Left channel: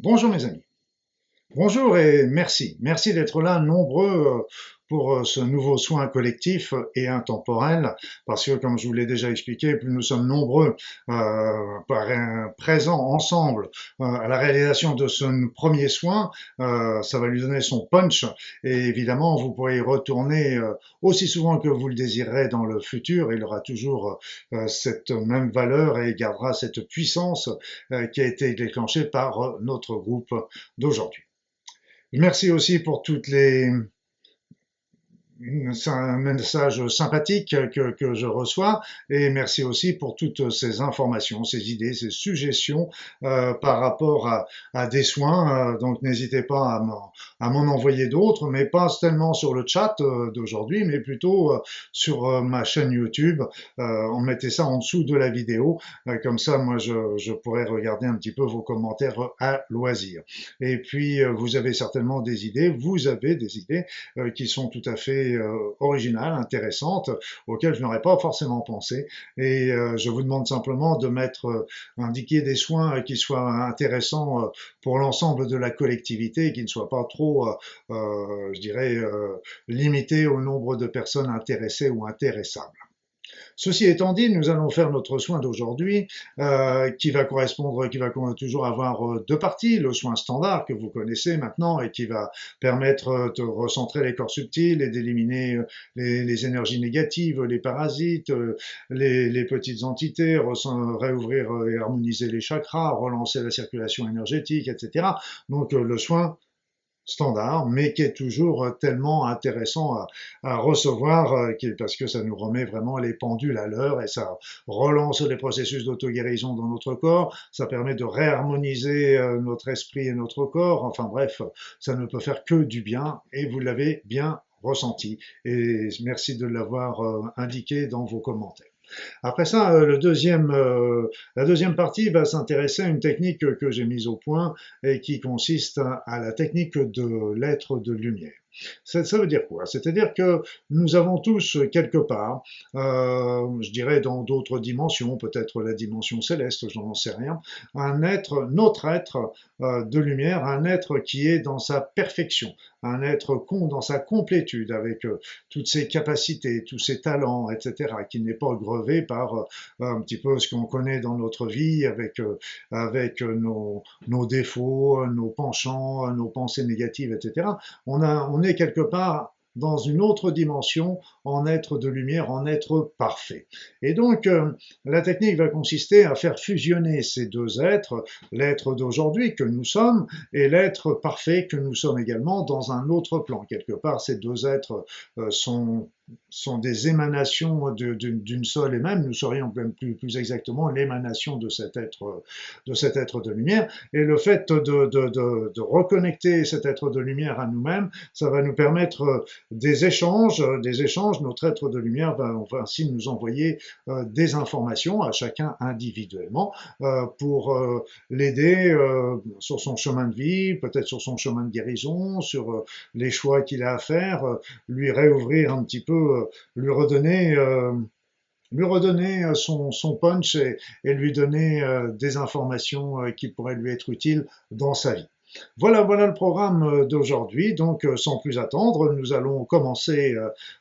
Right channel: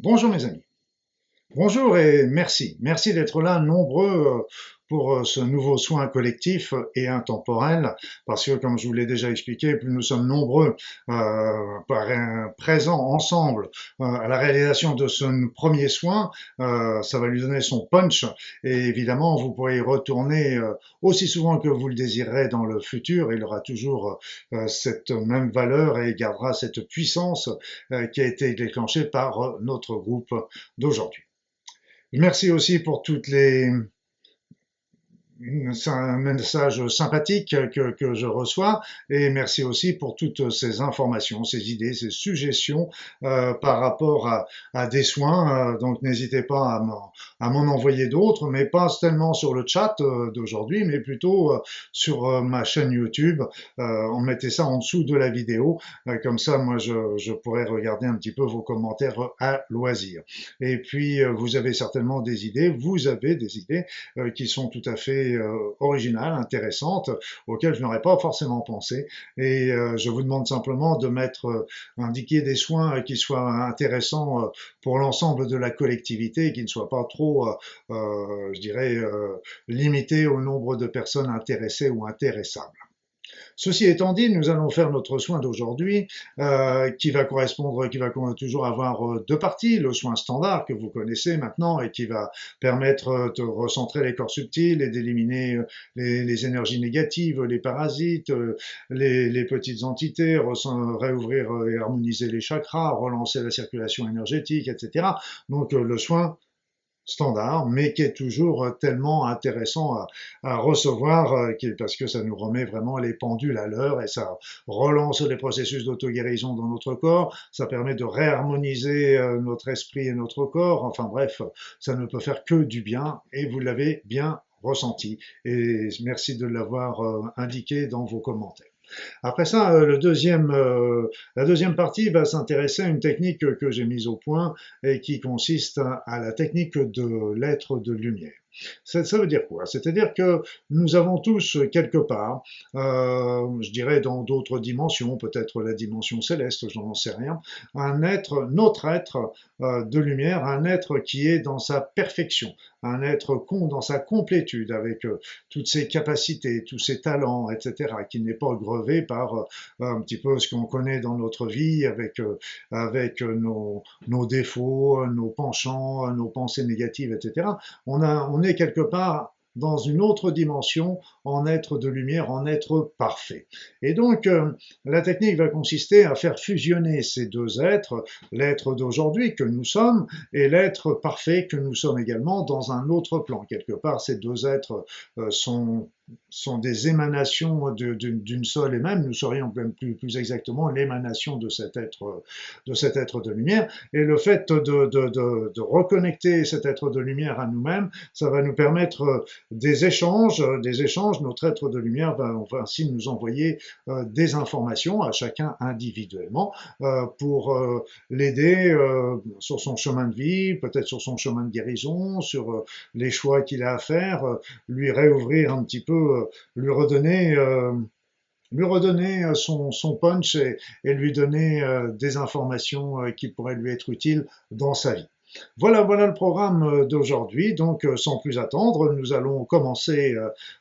Bonjour mes amis. Bonjour et merci. Merci d'être là nombreux pour ce nouveau soin collectif et intemporel, parce que comme je vous l'ai déjà expliqué, plus nous sommes nombreux présents ensemble à la réalisation de ce premier soin, ça va lui donner son punch et évidemment vous pourrez y retourner aussi souvent que vous le désirerez dans le futur. Il aura toujours cette même valeur et gardera cette puissance qui a été déclenchée par notre groupe d'aujourd'hui. Merci aussi pour toutes les c'est un message sympathique que je reçois et merci aussi pour toutes ces informations, ces idées, ces suggestions par rapport à des soins. Donc n'hésitez pas à m'en envoyer d'autres, mais pas tellement sur le chat d'aujourd'hui, mais plutôt sur ma chaîne YouTube. On mettait ça en dessous de la vidéo, comme ça moi je pourrais regarder un petit peu vos commentaires à loisir. Et puis vous avez certainement des idées, vous avez des idées qui sont tout à fait originales, intéressantes, auxquelles je n'aurais pas forcément pensé. Et je vous demande simplement de mettre, indiquer des soins qui soient intéressants pour l'ensemble de la collectivité et qui ne soient pas trop, je dirais, limités au nombre de personnes intéressées ou intéressables. Ceci étant dit, nous allons faire notre soin d'aujourd'hui qui va correspondre, qui va toujours avoir deux parties. Le soin standard que vous connaissez maintenant et qui va permettre de recentrer les corps subtils et d'éliminer les énergies négatives, les parasites, les petites entités, réouvrir et harmoniser les chakras, relancer la circulation énergétique, etc. Donc le soin standard, mais qui est toujours tellement intéressant à recevoir, parce que ça nous remet vraiment les pendules à l'heure et ça relance les processus d'auto-guérison dans notre corps, ça permet de réharmoniser notre esprit et notre corps, enfin bref, ça ne peut faire que du bien et vous l'avez bien ressenti et merci de l'avoir indiqué dans vos commentaires. Après ça, la deuxième partie va s'intéresser à une technique que j'ai mise au point et qui consiste à la technique de l'être de lumière. Ça veut dire quoi? C'est-à-dire que nous avons tous quelque part, je dirais dans d'autres dimensions, peut-être la dimension céleste, je n'en sais rien, un être, notre être de lumière, un être qui est dans sa perfection, un être dans sa complétude, avec toutes ses capacités, tous ses talents, etc., qui n'est pas grevé par un petit peu ce qu'on connaît dans notre vie, avec nos défauts, nos penchants, nos pensées négatives, etc. On est quelque part dans une autre dimension, en être de lumière, en être parfait. Et donc, la technique va consister à faire fusionner ces deux êtres, l'être d'aujourd'hui que nous sommes et l'être parfait que nous sommes également dans un autre plan. Quelque part, ces deux êtres sont des émanations d'une seule et même, nous serions même plus exactement l'émanation de cet être de lumière. Et le fait de reconnecter cet être de lumière à nous-mêmes, ça va nous permettre des échanges. Notre être de lumière va ainsi nous envoyer des informations à chacun individuellement pour l'aider sur son chemin de vie, peut-être sur son chemin de guérison, sur les choix qu'il a à faire, lui réouvrir un petit peu, lui redonner son punch et lui donner des informations qui pourraient lui être utiles dans sa vie. Voilà le programme d'aujourd'hui. Donc, sans plus attendre, nous allons commencer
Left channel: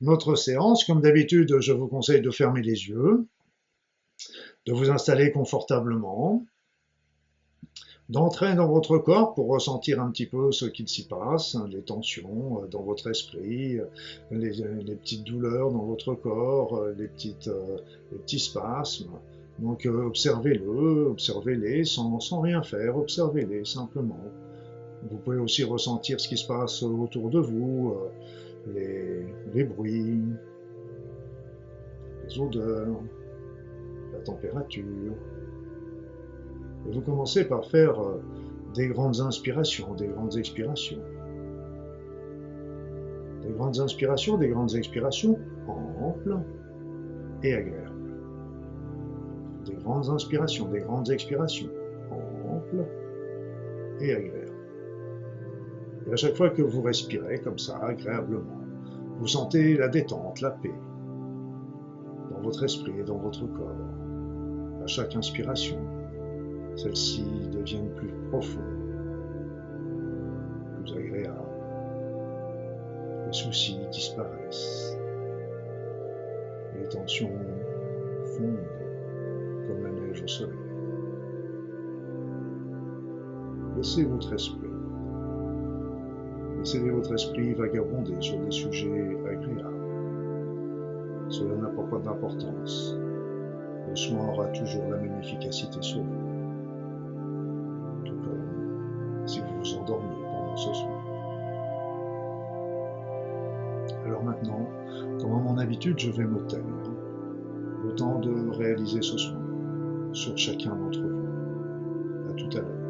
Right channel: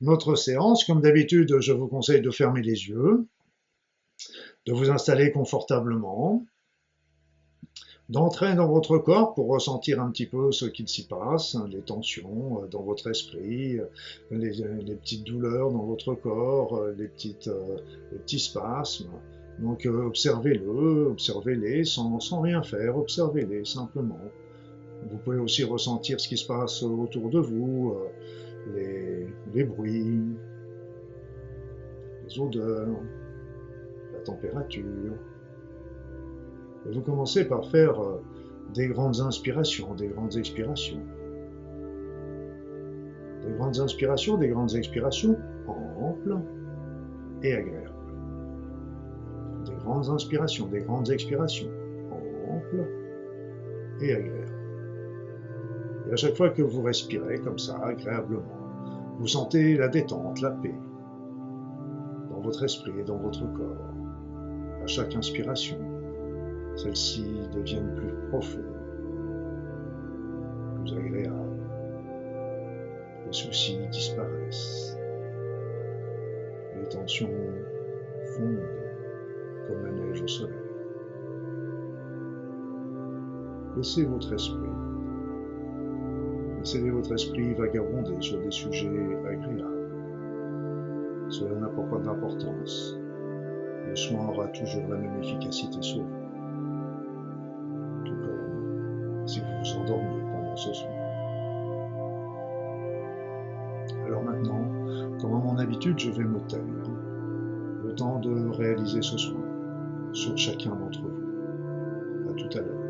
notre séance. Comme d'habitude, je vous conseille de fermer les yeux, de vous installer confortablement, d'entrer dans votre corps pour ressentir un petit peu ce qu'il s'y passe, hein, les tensions dans votre esprit, les petites douleurs dans votre corps, les petits spasmes. Donc observez-les sans rien faire, observez-les simplement. Vous pouvez aussi ressentir ce qui se passe autour de vous, les bruits, les odeurs, la température. Et vous commencez par faire des grandes inspirations, des grandes expirations. Des grandes inspirations, des grandes expirations amples et agréables. Des grandes inspirations, des grandes expirations amples et agréables. Et à chaque fois que vous respirez comme ça, agréablement, vous sentez la détente, la paix dans votre esprit et dans votre corps. À chaque inspiration, celles-ci deviennent plus profondes plus agréable. Les soucis disparaissent. Les tensions fondent comme la neige au soleil. Laissez votre esprit vagabonder sur des sujets agréables. Cela n'a pas d'importance. Le soin aura toujours la même efficacité sur vous. Tout comme si vous vous endormiez pendant ce soin. Alors maintenant, comme à mon habitude, je vais me taire, le temps de réaliser ce soin sur chacun d'entre vous. À tout à l'heure.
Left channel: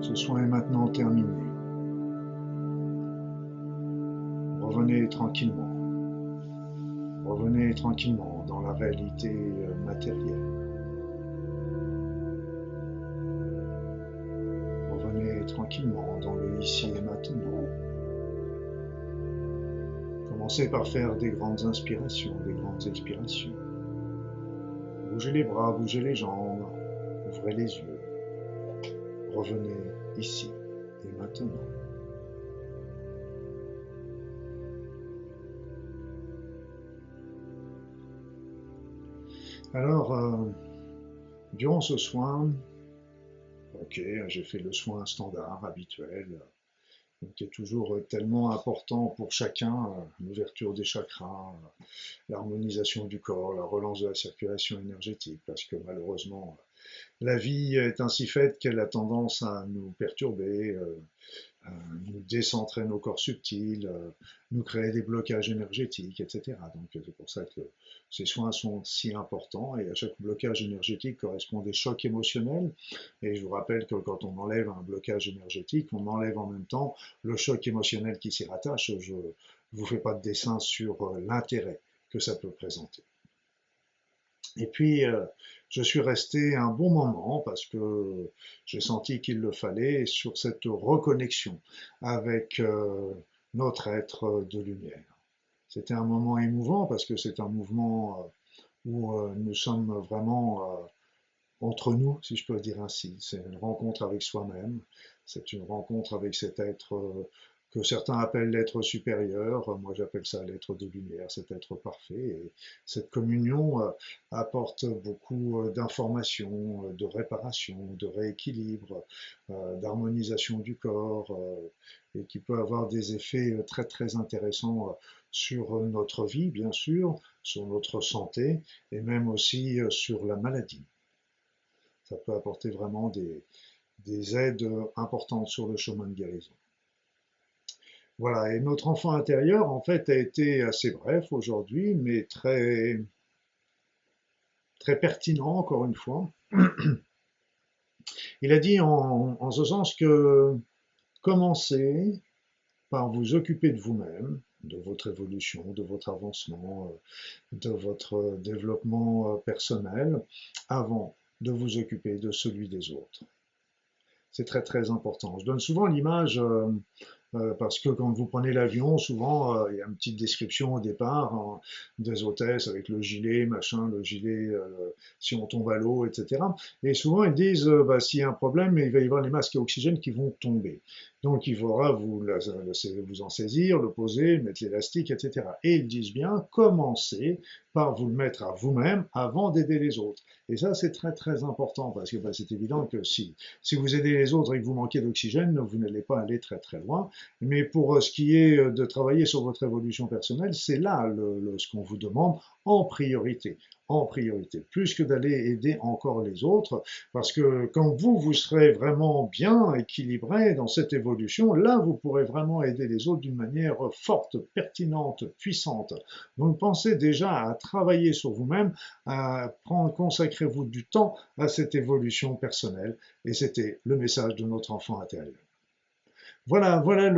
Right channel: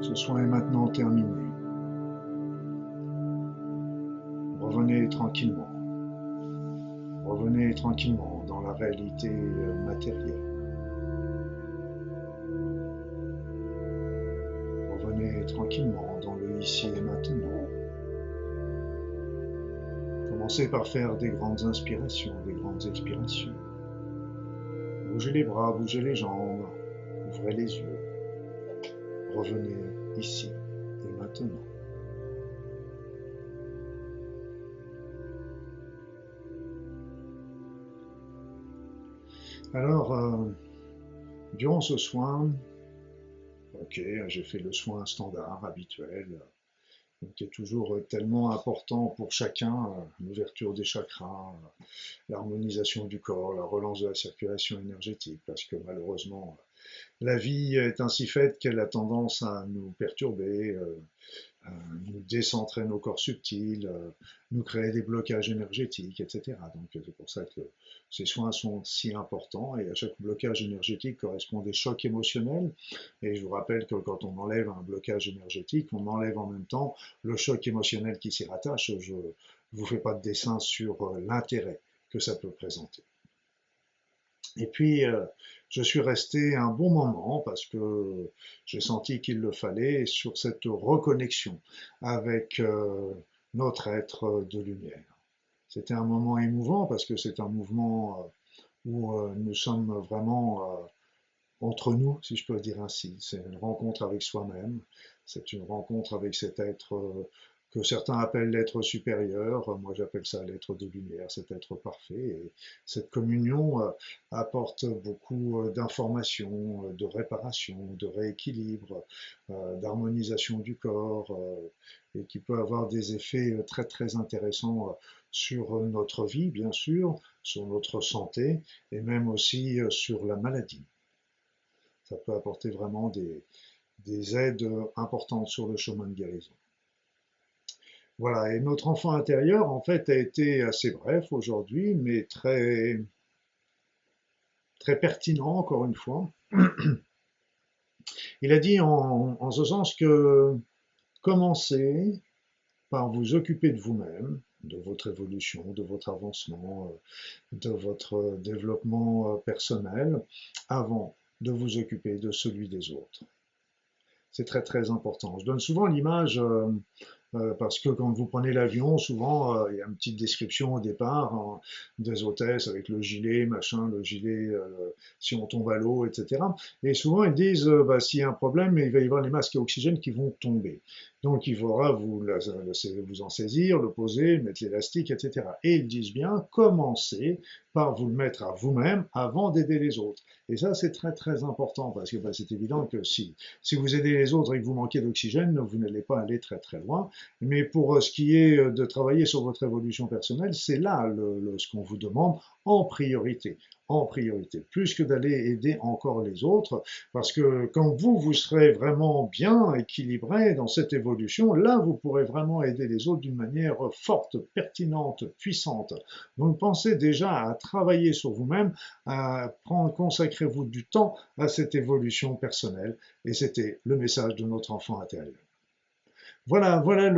Ce soin est maintenant terminé. Revenez tranquillement. Revenez tranquillement dans la réalité matérielle. Revenez tranquillement dans le ici et maintenant. Commencez par faire des grandes inspirations, des grandes expirations. Bougez les bras, bougez les jambes, ouvrez les yeux. Revenez ici et maintenant. Alors, durant ce soin, ok, j'ai fait le soin standard, habituel, qui est toujours tellement important pour chacun, l'ouverture des chakras, l'harmonisation du corps, la relance de la circulation énergétique, parce que malheureusement, la vie est ainsi faite qu'elle a tendance à nous perturber, nous décentrer nos corps subtils, nous créer des blocages énergétiques, etc. Donc c'est pour ça que ces soins sont si importants et à chaque blocage énergétique correspond des chocs émotionnels. Et je vous rappelle que quand on enlève un blocage énergétique, on enlève en même temps le choc émotionnel qui s'y rattache. Je ne vous fais pas de dessin sur l'intérêt que ça peut présenter. Et puis, je suis resté un bon moment parce que j'ai senti qu'il le fallait sur cette reconnexion avec notre être de lumière. C'était un moment émouvant parce que c'est un mouvement où nous sommes vraiment entre nous, si je peux le dire ainsi. C'est une rencontre avec soi-même, c'est une rencontre avec cet être que certains appellent l'être supérieur, moi j'appelle ça l'être de lumière, cet être parfait. Et cette communion apporte beaucoup d'informations, de réparation, de rééquilibre, d'harmonisation du corps, et qui peut avoir des effets très très intéressants sur notre vie, bien sûr, sur notre santé, et même aussi sur la maladie. Ça peut apporter vraiment des aides importantes sur le chemin de guérison. Voilà, et notre enfant intérieur, en fait, a été assez bref aujourd'hui, mais très, très pertinent, encore une fois. Il a dit en ce sens que commencez par vous occuper de vous-même, de votre évolution, de votre avancement, de votre développement personnel, avant de vous occuper de celui des autres. C'est très très important. Je donne souvent l'image parce que quand vous prenez l'avion, souvent il y a une petite description au départ hein, des hôtesses avec le gilet, machin, le gilet si on tombe à l'eau, etc. Et souvent ils disent bah, s'il y a un problème, il va y avoir les masques à oxygène qui vont tomber. Donc il faudra vous en saisir, le poser, mettre l'élastique, etc. Et ils disent bien commencez par vous le mettre à vous-même avant d'aider les autres. Et ça c'est très très important parce que bah, c'est évident que si vous aidez les autres et que vous manquez d'oxygène, vous n'allez pas aller très très loin. Mais pour ce qui est de travailler sur votre évolution personnelle, c'est là ce qu'on vous demande en priorité. En priorité, plus que d'aller aider encore les autres, parce que quand vous serez vraiment bien équilibré dans cette évolution, là, vous pourrez vraiment aider les autres d'une manière forte, pertinente, puissante. Donc, pensez déjà à travailler sur vous-même, consacrez-vous du temps à cette évolution personnelle, et c'était le message de notre enfant intérieur. Voilà, voilà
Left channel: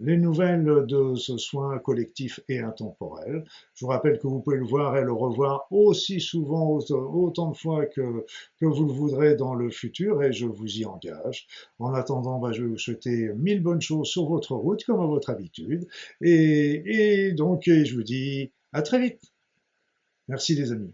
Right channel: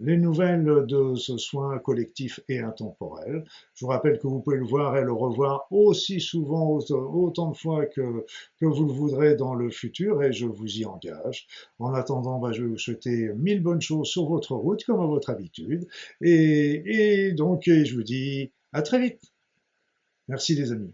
les nouvelles de ce soin collectif et intemporel. Je vous rappelle que vous pouvez le voir et le revoir aussi souvent, autant de fois que vous le voudrez dans le futur et je vous y engage. En attendant, bah, je vais vous souhaiter mille bonnes choses sur votre route comme à votre habitude. Et donc, je vous dis à très vite. Merci les amis.